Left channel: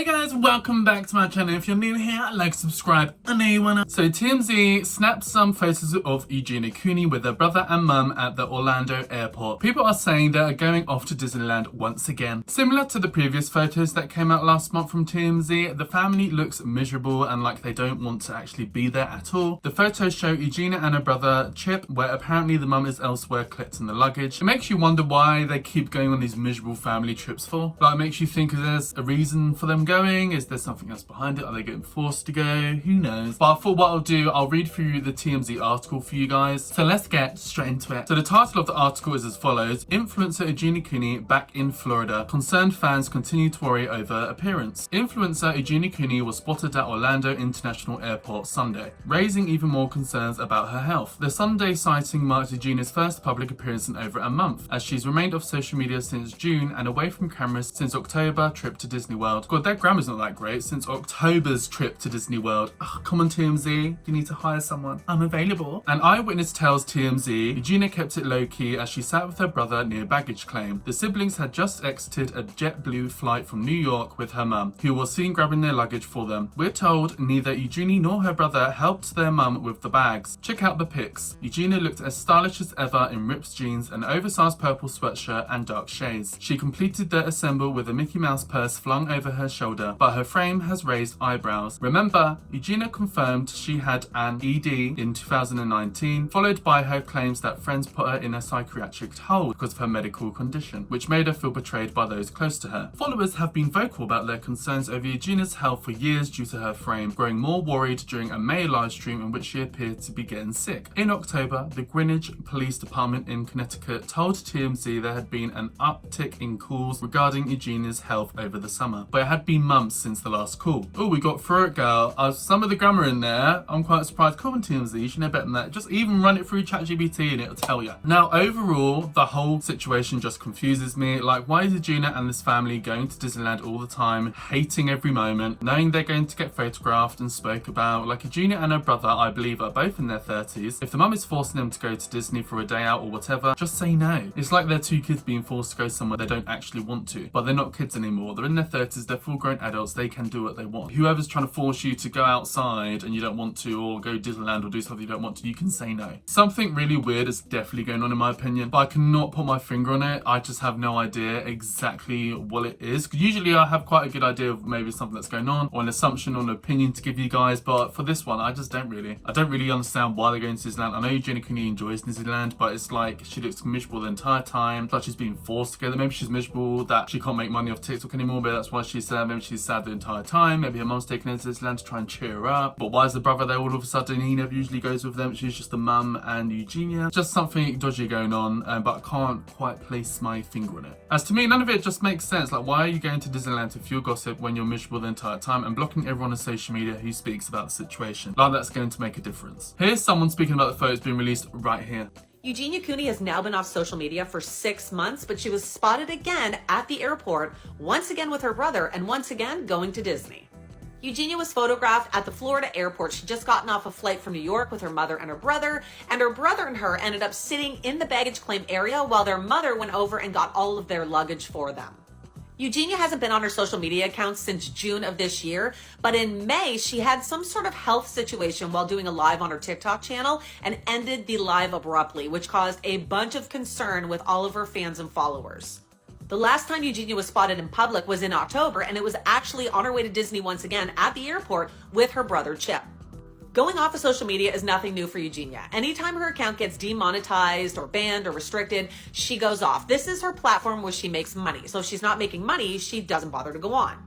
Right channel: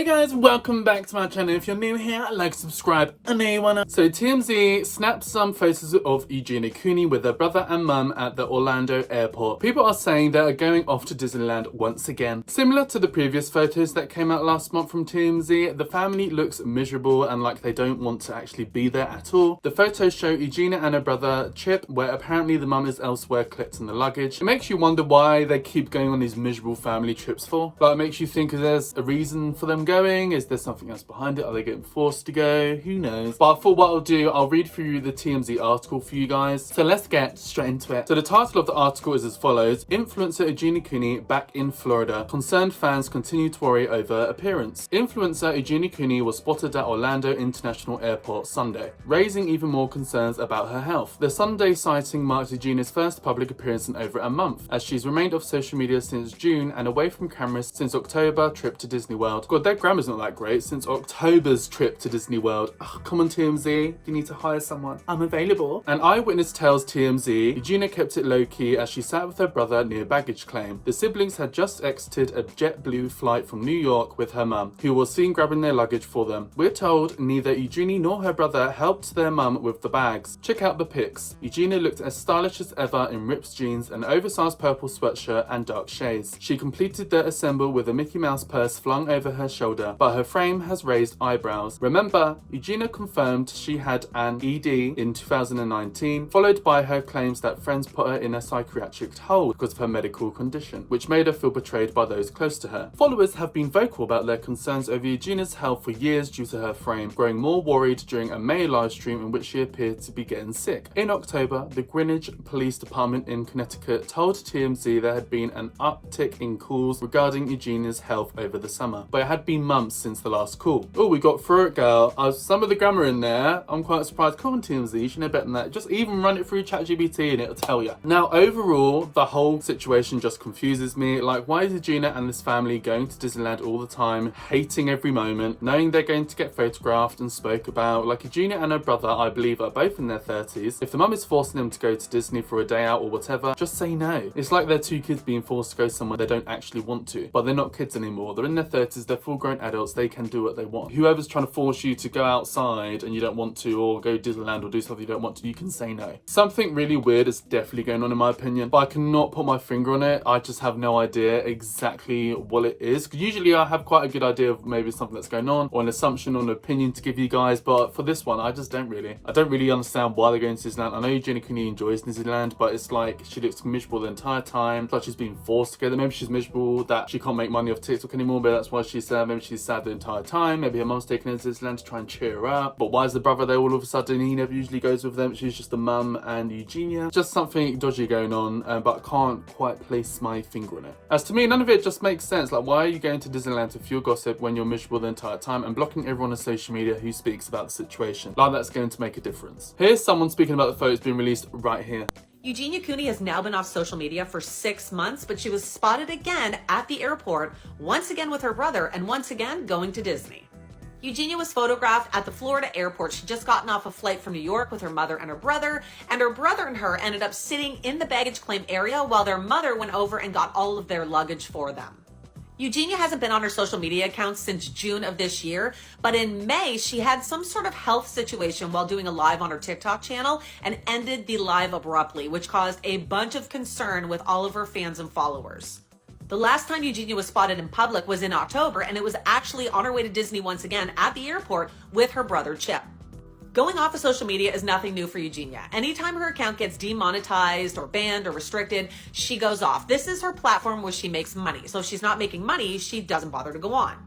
Hey guys, welcome back to my channel. If you're new here, like, subscribe, and anyone. So TMZ snapped some photos of Eugenia Cooney with her brother and mum at the Orlando airport. People are saying they are going off to Disneyland once again. Similar to the previous photos that came out last month from TMZ, the family looks miserable and like they don't want to actually be there at all. The photos show Eugenia and her brother Chip, where apparently the mum is elsewhere collecting the luggage. It makes you wonder why they keep going on these miserable family trips for. Like, it makes you think if there's a reason for them going. Is there something else behind it? Are they getting forced to go? Who knows? But I thought what I'll do, I'll read through the TMZ article for you guys. So let's get straight into it. So the title of the article is as follows: Influencer Eugenia Cooney back in Florida. Concerned fans continue to worry over appearance. Influencer Eugenia Cooney was spotted at Orlando International Airport Sunday, raising even more concerns about her health. The Sunday sighting marked Eugenia's first public appearance in over a month, as she's remained off social media since June and away from cameras since October trip to Disney World. God, their grammar's not that great. Since October's trip to Disney World. Ugh, come on TMZ, you need to hire someone. I'm available. An eyewitness tells TMZ Eugenia kept it low-key as she sat with her brother near baggage claim. The siblings had just exited a JetBlue flight from New York with her mum, who was seen grabbing their luggage for them. We're told neither Eugenia nor her brother helped their mum with the bags. Check out the pics. Eugenia looked as stylish as ever in ripped jeans, an oversized purple sweatshirt and dark shades. She completed the assemble with a Mickey Mouse purse flung over her shoulder, but her frame has raised eyebrows. Remember, Eugenia confirmed she had an ED in 2019, followed by her claims that friends put her in a psychiatric hold because of her medical condition, which made her feel betrayed by those close to her. Followers have been vocal about their concerns over Eugenia's health for years due to her frame, growing more worried during a May live stream in which she appeared to be getting sick. In October, the Greenwich Police Department in Connecticut told TMZ there had been an uptick in calls regarding Eugenia's health over the summer, but it had been months since the last call. Oh, we got through it, girl. Some of the grammar in there, I'm quite surprised. Come on, TMZ, you should know better than that. Just even run it through ChatGPT and it'll tell you. Now, overall, the whole situation just confuses me. Like, why is Eugenia and this family going to Disneyland all the time, hating every moment, knowing they're going to get photographed and spoke about? Like, Eugenia and her brother, I believe, are both in their 30s. If the mum is forcing them to go to Disney for a day out or whatever, just say no. It's like they're two kids being forced to go somewhere they don't actually want to. But they're not kids anymore. They're in their 30s, they're full-grown adults, they can do what they want. Whoever's trying to force you to go outside and you don't want to, or go to Disneyland or do something you don't want to, you can say no. Something really weird is definitely going on in my opinion, but I cannot put my finger on it. I just have no idea exactly what it is. Usually I have quite a good idea of maybe something that's going on, or an assumption or an opinion to give you guys, but for this one, I just don't really. I don't really understand why they're going to Disneyland. I know Eugenia Cooney enjoys Disneyland, but it's like she looks miserable the entire time. It's like she's being forced to go there. Maybe she's miserable that she can't make money off TikTok anymore, but that's why she's sad. Maybe she's sad the entire time. Maybe her mum's taking her to Disneyland to try and cheer her up. But why is the brother there all of a sudden? He never usually goes with them. She's just the mum and Eugenia. Just something dodgy going on, but I can't quite place my finger on it. As to me, none of it just makes sense. Like, why are you going to Disneyland to fuel gossip when you're miserable the entire time and blocking everyone on social media who speaks about the situation? Like, that's going to make a difference. Here's someone speaking about the photos being released right here. Eugenia Cooney has now been off social media for 6 months, but she was spotted again at the airport, once again with her brother, and once again going to Disney. Eugenia was photographed at the Florida airport. She'd just gotten off a flight from New York with her mother and her brother and her ended up sitting in the baggage claim area while their mother went over and got all of their luggage for them. Eugenia hasn't been on her social media accounts since June of this year, but in May, she had some sort of health situation while doing a live on her TikTok channel and ended the live abruptly, which caused a bunch of concern with all of her fans and followers. The last time Eugenia was spotted in public was in October, and it was actually on her way to Disney once again at the airport with her brother Chip. Going off of social media is nothing new for Eugenia. Anytime her account gets demonetized or banned or restricted, she goes off. This is her platform where she makes money. So if she's not making money, she doesn't bother to go on.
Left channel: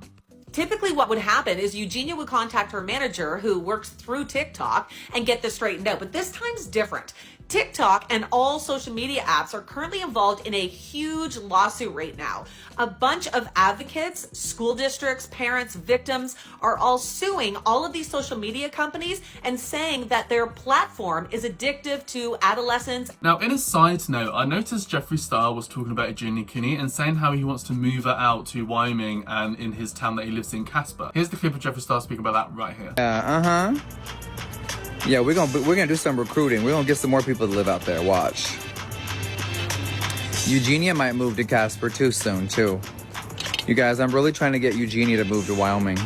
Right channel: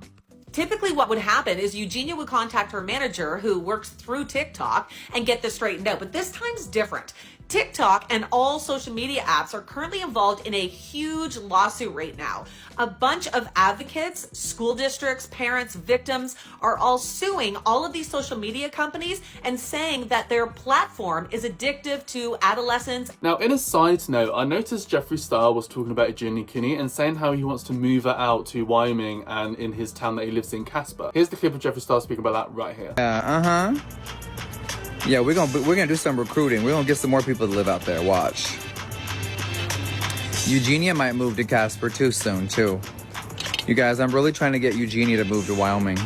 Typically what would happen is Eugenia would contact her manager who works through TikTok and get this straightened out. But this time's different. TikTok and all social media apps are currently involved in a huge lawsuit right now. A bunch of advocates, school districts, parents, victims are all suing all of these social media companies and saying that their platform is addictive to adolescents. Now, in a side note, I noticed Jeffree Star was talking about Eugenia Cooney and saying how he wants to move her out to Wyoming and in his town that he lives in, Casper. Here's the clip of Jeffree Star speaking about that right here. Yeah, we're gonna do some recruiting. We're gonna get some more people to live out there. Watch. Eugenia might move to Casper too soon too. You guys, I'm really trying to get Eugenia to move to Wyoming.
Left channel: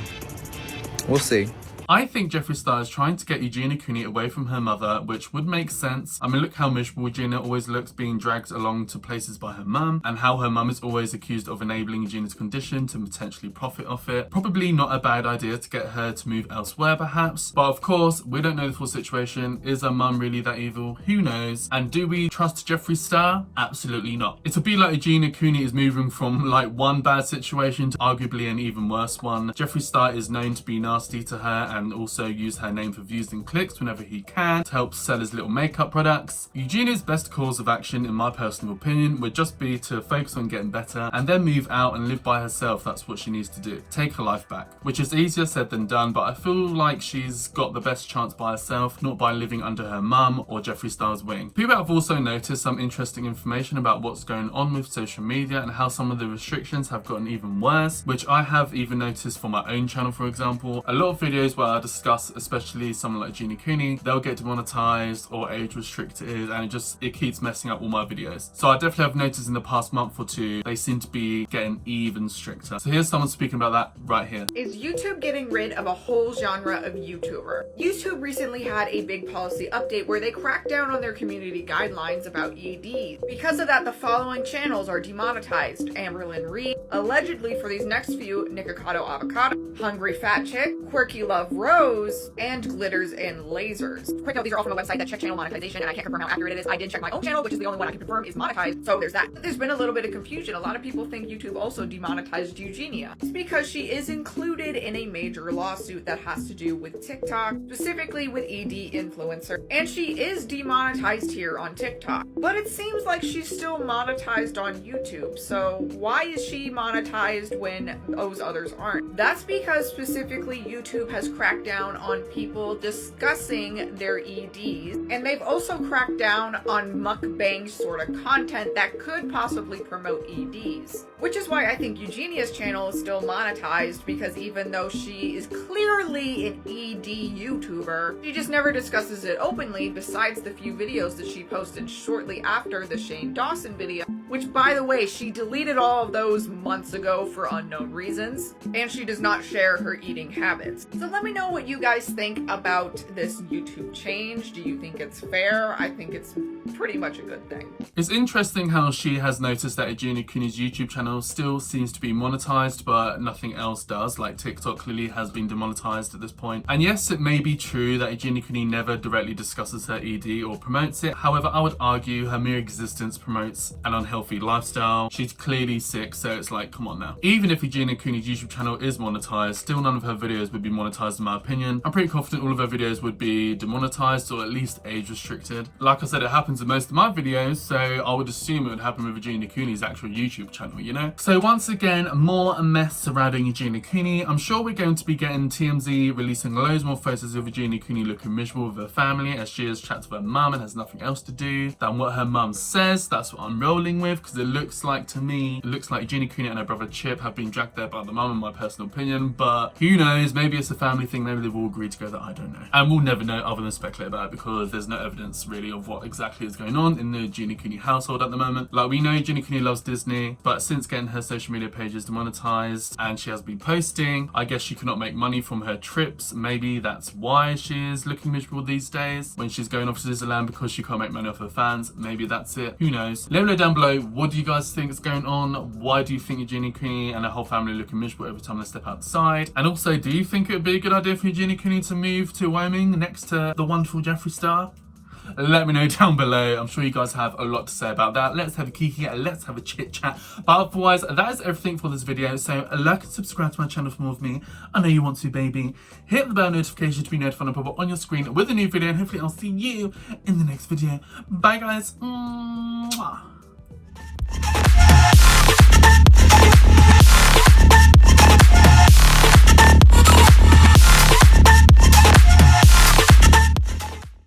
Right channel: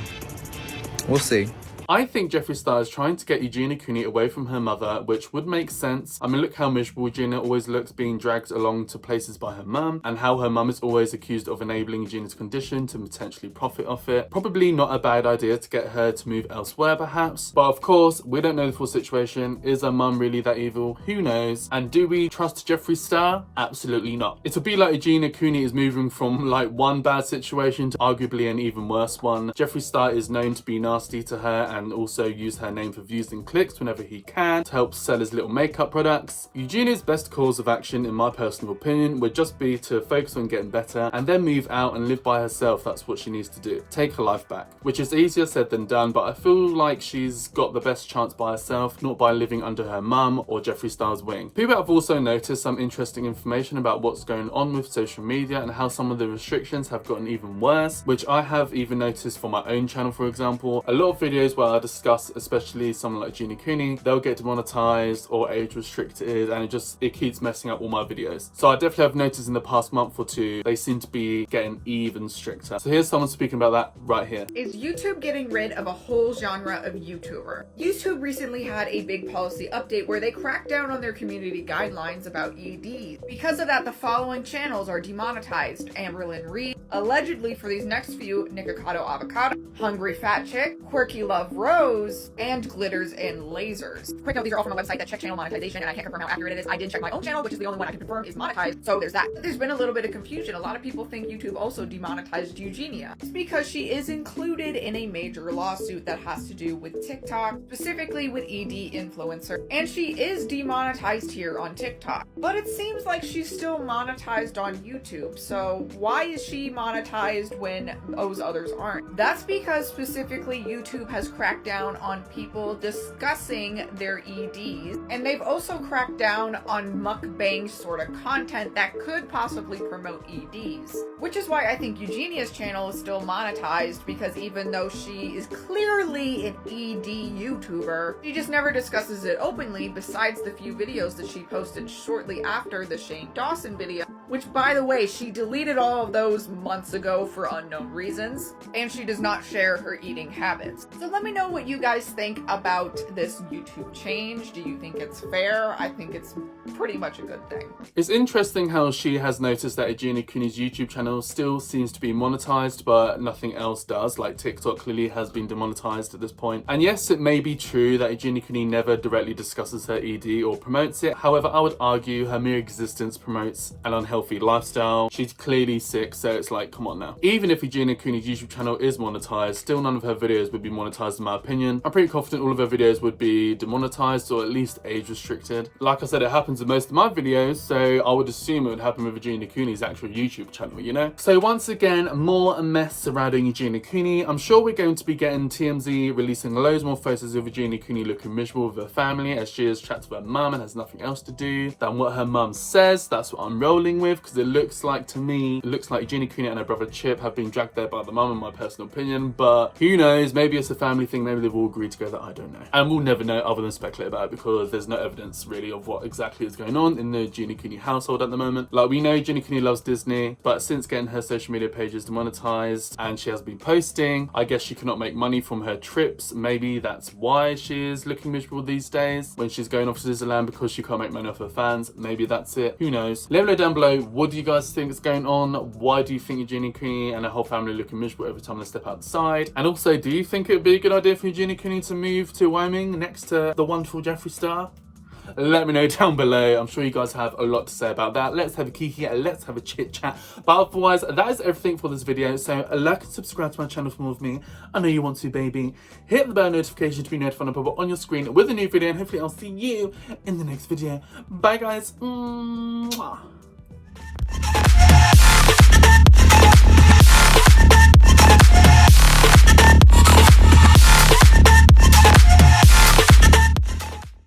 We'll see. I think Jeffree Star is trying to get Eugenia Cooney away from her mother, which would make sense. I mean, look how miserable Eugenia always looks being dragged along to places by her mum, and how her mum is always accused of enabling Eugenia's condition to potentially profit off it. Probably not a bad idea to get her to move elsewhere, perhaps. But of course, we don't know the full situation. Is her mum really that evil? Who knows? And do we trust Jeffree Star? Absolutely not. It'll be like Eugenia Cooney is moving from like one bad situation to arguably an even worse one. Jeffree Star is known to be nasty to her and also use her name for views and clicks whenever he can to help sell his little makeup products. Eugenia's best course of action, in my personal opinion, would just be to focus on getting better and then move out and live by herself. That's what she needs to do. Take her life back, which is easier said than done, but I feel like she's got the best chance by herself, not by living under her mum or Jeffree Star's wing. People have also noticed some interesting information about what's going on with social media and how some of the restrictions have gotten even worse, which I have even noticed for my own channel, for example. A lot of videos where I discuss, especially someone like Eugenia Cooney, they'll get demonetized or age restricted, and it keeps messing up all my videos. So I definitely have noticed in the past month or two, they seem to be getting even stricter. So here's someone speaking about that right here. Is YouTube getting rid of a whole genre of YouTuber? YouTube recently had a big policy update where they cracked down on their community guidelines about EDs. Because of that, the following channels are demonetized: Amberlynn Reed, allegedly for these next few, Nikocado Avocado, Hungry Fat Chick, Quirky Love Rose, and Glitters and Lasers. Quick note, these are all from a website that checked channel monetization, and I can't confirm how accurate it is. I did check my own channel, which is the only one I can confirm is monetized, so there's that. There's been a little bit of confusion. A lot of people think YouTube also demonetized Eugenia. It's because she is included in a major lawsuit that has to do with TikTok, specifically with ED influencer, and she is demonetized here on TikTok. But it seems like she's still monetized on YouTube, so why is she monetized when those others aren't? That's because specifically YouTube has cracked down on people discussing their EDs, and they've also cracked down on mukbang sort of content that could possibly promote EDs. Which is why I think Eugenia's channel is still monetized, because even though she is clearly an ED YouTuber, she just never discusses it openly, besides the few videos that she posted shortly after the Shane Dawson video, which, by the way, she deleted all of those months ago for unknown reasons, and she does not share her eating habits. So let me know what you guys think about this YouTube change. Do you think it's fair? I think it's pretty much a good thing. It's interesting how she has noticed that Eugenia Cooney's YouTube channel still seems to be monetized, but nothing else does. Like TikTok clearly has been demonetized at this point. And yes, it may be true that Eugenia Cooney never directly discusses her ED or promotes it. However, I would argue her mere existence promotes an unhealthy lifestyle. She's clearly sick, so it's like, come on now. Even if Eugenia Cooney's YouTube channel is monetized, still none of her videos would be monetized in my opinion. I'm pretty confident all of her videos would be demonetized or at least age restricted. Like I said, it happens in most of my videos, so I would assume it would happen with Eugenia Cooney's actual YouTube channel, you know? So once again, more mess surrounding Eugenia Cooney. I'm sure we're going to be getting TMZ releasing loads more photos of Eugenia Cooney looking miserable with her family as she is chats with her mum and has nothing else to do than what her mum says. That's what I'm rolling with, because it looks like, to me, Eugenia Cooney and her brother Chip have been dragged there by the mum, in my personal opinion, but who knows, maybe it's a family thing, maybe they've all agreed together, I don't know. And we'll never know other than speculate about it, because there's no evidence really of what exactly is going on in the Eugenia Cooney household at the moment. Like, we know Eugenia Cooney loves Disney, but since getting her social media pages demonetized and she has been posting, I guess she cannot make money from her trips. Maybe that's why she is looking miserable these days when she's going off to Disneyland, because she can't make money off her fans. Maybe that's it. Who knows? Let me know down below, what do you guys think is going on? Why do you think Eugenia Cooney and her whole family are looking miserable every time they step outside? And also, do you think it would be a good idea for Eugenia Cooney to move to Wyoming next to the wonderful Jeffree Star? Let me know down below. I'm sure you guys have a lot to say about that. Let's have a kiki, let's have a chit chat. But otherwise, that is everything for this video. So like and subscribe to my channel for more of me. I know you want to, baby. Hit the bell notification to be notified when I pop up on your screen with a new video, and hopefully I'll see you in the next video. Bye guys.